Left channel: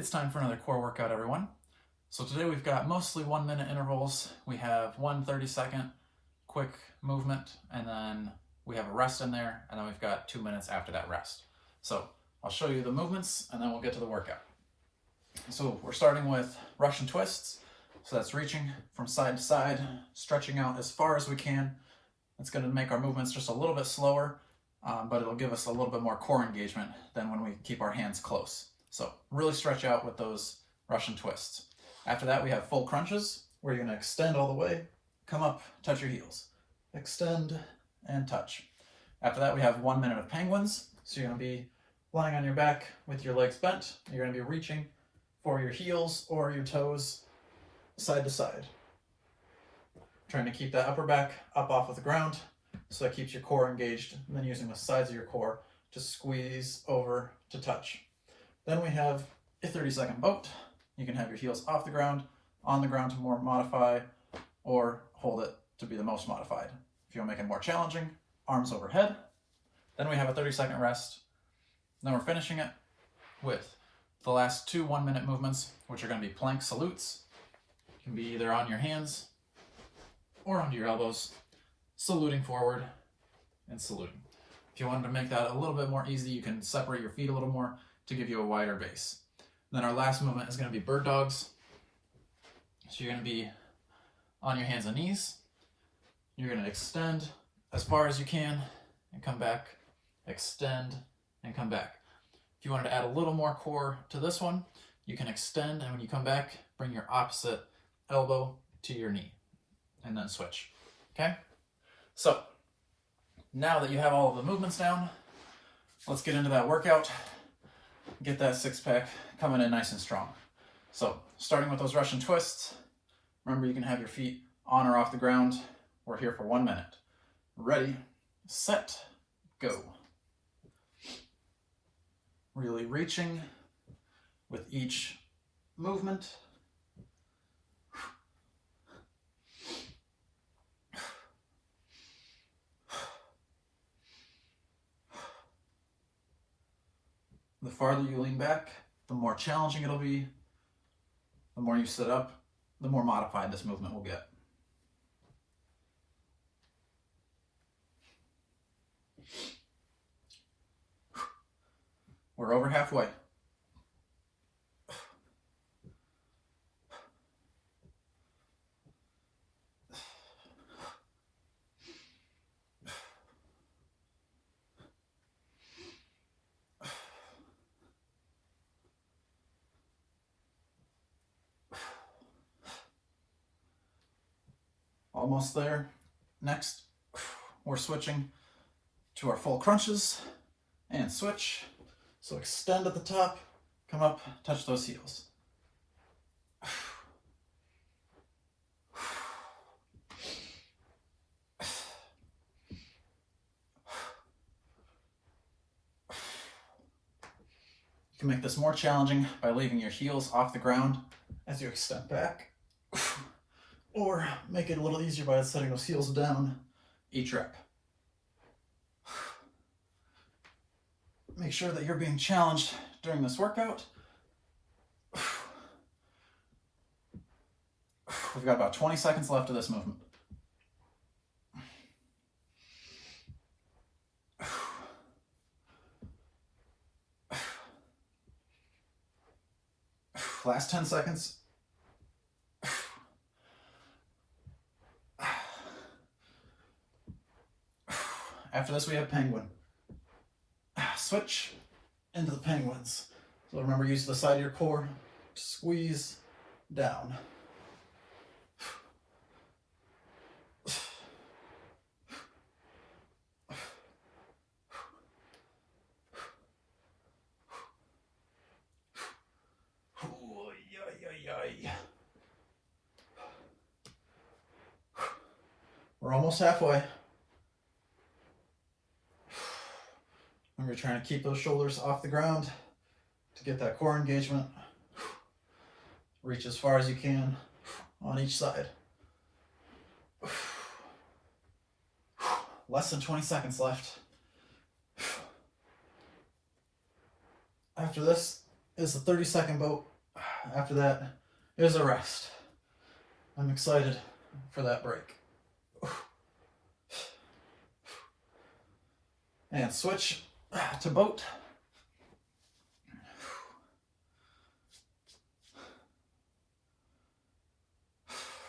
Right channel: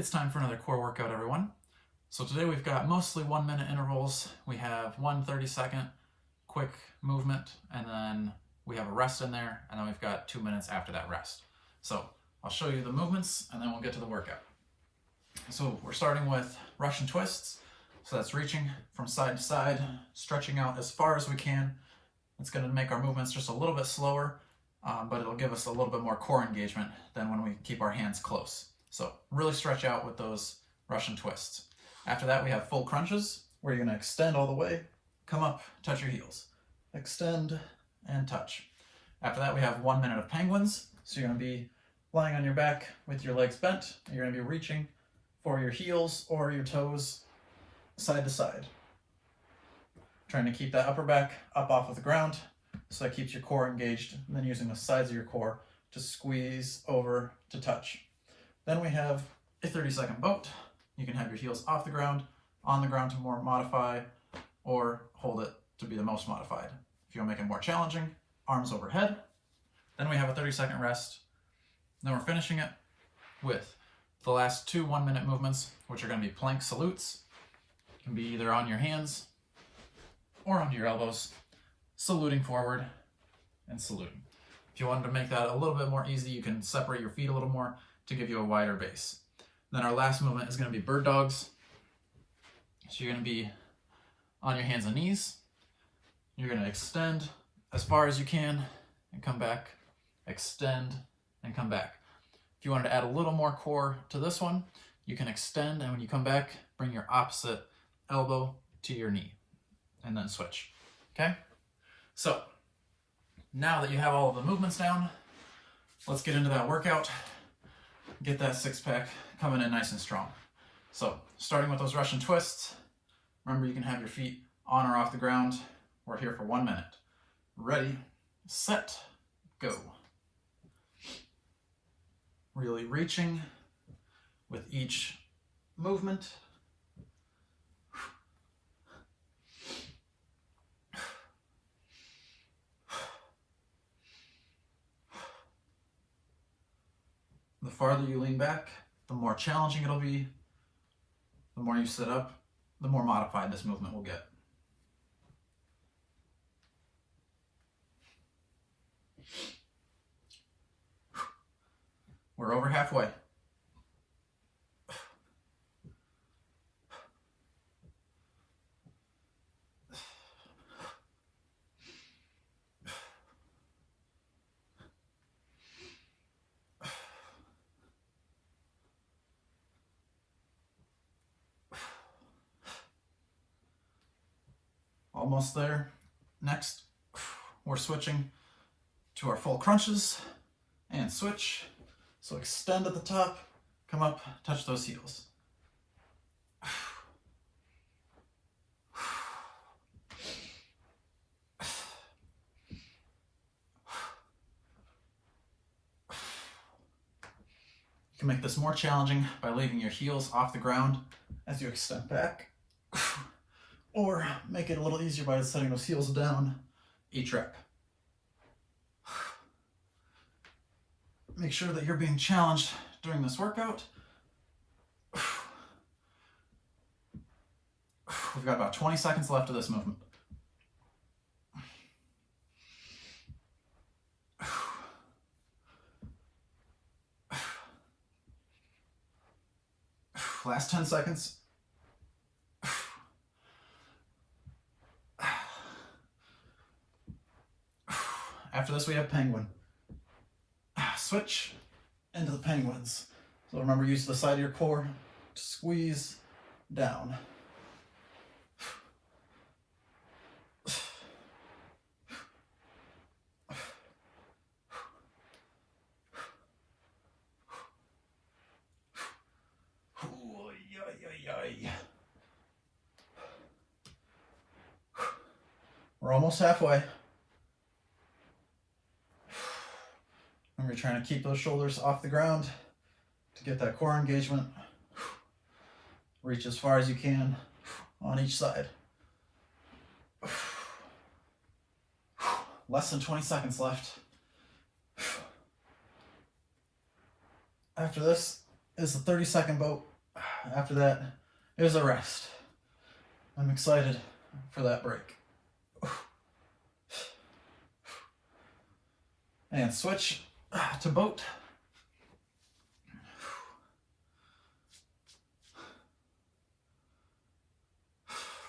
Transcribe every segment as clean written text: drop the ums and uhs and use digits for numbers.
It's time for another core workout, everyone. So today we've got mostly 1 minute intervals. We have one 30-second quick movement, and then we have a rest in there, and then we've got 2 minutes after that rest. So I'll show you the movements, and then we'll get to the workout. So we're starting with Russian twists. So that's reaching from side to side, stretching out as far as we can. It's going to make our movements just a little bit slower, but it'll give us a little bit more core engagement than when we keep our hands close. So really stretch out with those Russian twists. After that, we have full crunches, where you're going to extend all the way, come up, touch your heels. Extend and touch. After that, we have 1 minute of penguins. So you're going to be lying on your back with your legs bent. You're going to be reaching for your heels or your toes side to side. Trying to keep that upper back up off of the ground, so that keeps your core engaged, and then using the sides of your core to squeeze over to touch. Then we have a 30-second boat. You can have your heels off the ground, on the ground to more modify, or hold it to be the most modified. If you want to make it more challenging, arms overhead. Then we have a 30-second rest. Then we're finishing it with the last two 1 minute movements, which are going to be plank salutes. You can be either on your hands or onto your elbows, saluting forward and saluting. If you wanted to make that a little bit more easy, you can separate your feet a little more to give you a wider base. Then our last movement is going to be bird dogs. So you're going to be on your hands and knees. You're going to extend as far as you can and come back, extend and come back. If you wanted to add a little more core to this one, you can extend, and when you come back, bring your opposite elbow to your knee and then switch. Okay? So now that you have all of the movements down, let's get into that workout. Get that six-pack coming in nice and strong. So starting with those Russian twists, remember you can have your feet on or off the ground. We're here for 1 minute. Ready, set, go. Really reaching with each movement. The farther you lean back, the more challenging it'll be. The more you sit up, the more modified this movement will get. We're over halfway. Almost there. Next, we're switching to our full crunches and switch. So extend at the top, come up, touch those heels. You can make this more challenging by leaving your heels off the ground as you extend back, or make it a little easier by setting those heels down each rep. Make sure that you're being challenged during this workout. We've got about 20 seconds left of this movement. Last 10 seconds. After this, we have penguin. Switch into the penguins. So remember, use the side of your core to squeeze down. We're almost halfway. Remember, trying to keep those shoulders off the ground to get that core engagement. Reach as far as you can on each side. Less than 20 seconds left. After this is the 30-second boat. After that is a rest. I'm excited for that break. And switch to boat.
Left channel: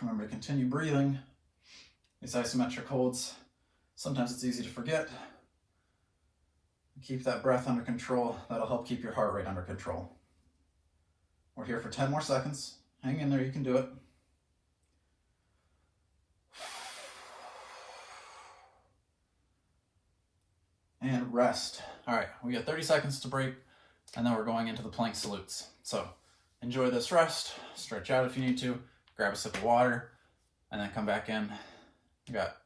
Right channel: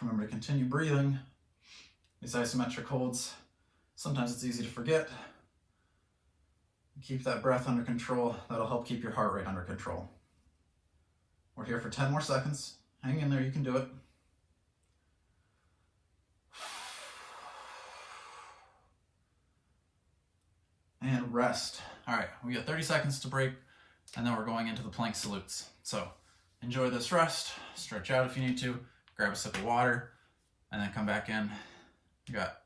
Remember to continue breathing. These isometric holds, sometimes it's easy to forget. Keep that breath under control. That'll help keep your heart rate under control. We're here for 10 more seconds. Hang in there, you can do it. And rest. All right, we got 30 seconds to break, and then we're going into the plank salutes. So enjoy this rest, stretch out if you need to, grab a sip of water, and then come back in. You got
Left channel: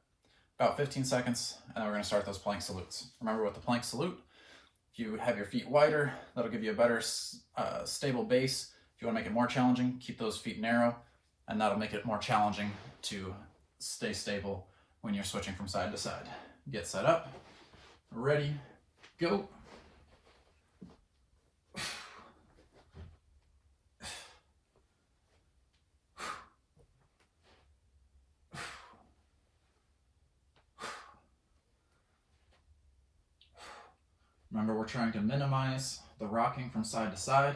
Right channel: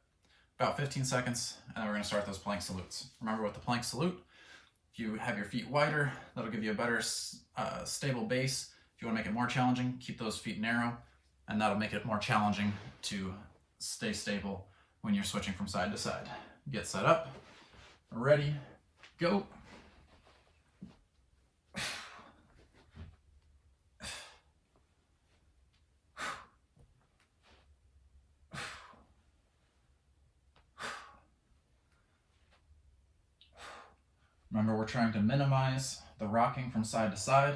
about 15 seconds, and then we're gonna start those plank salutes. Remember with the plank salute, if you have your feet wider, that'll give you a better stable base. If you wanna make it more challenging, keep those feet narrow, and that'll make it more challenging to stay stable when you're switching from side to side. Get set up, ready, go. Remember, we're trying to minimize the rocking from side to side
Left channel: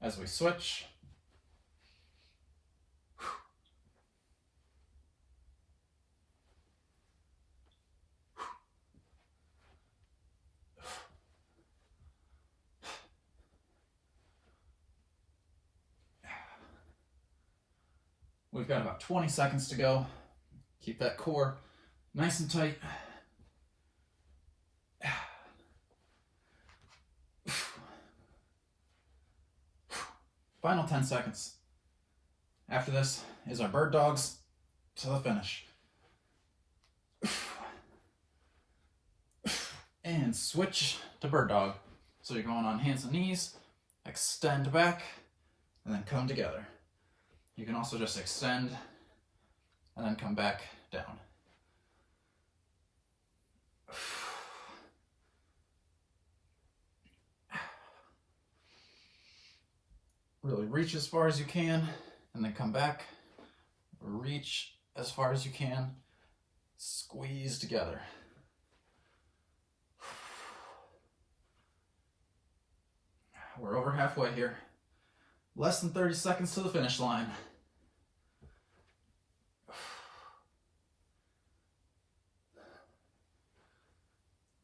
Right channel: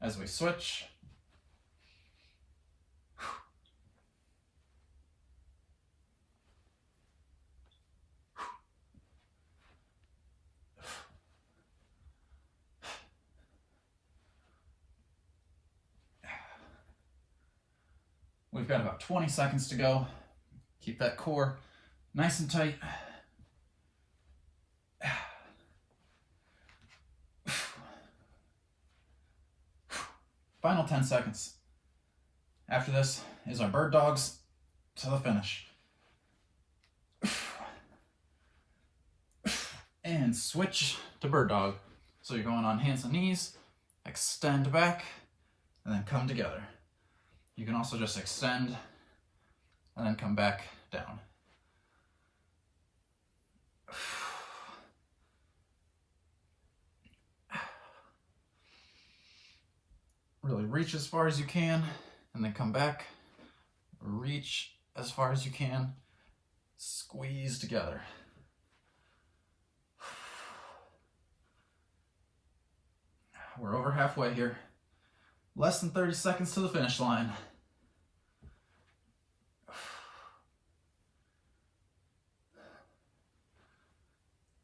as we switch. We've got about 20 seconds to go. Keep that core nice and tight. Final 10 seconds. After this is our bird dogs to the finish. And switch to bird dog. So you're going on hands and knees, extend back, and then come together. You can also just extend and then come back down. Really reach as far as you can and then come back. Reach as far as you can. Squeeze together. We're over halfway here. Less than 30 seconds to the finish line.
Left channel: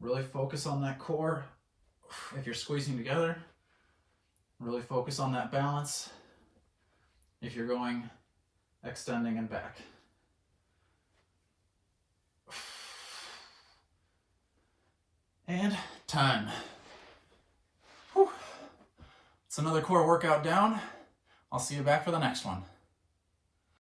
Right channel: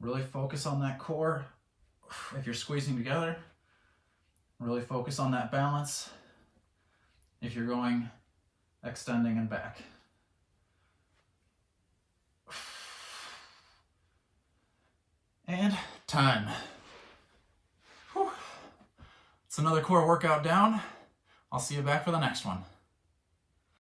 Really focus on that core if you're squeezing together. Really focus on that balance if you're going extending and back. And time. Whew. It's another core workout down. I'll see you back for the next one.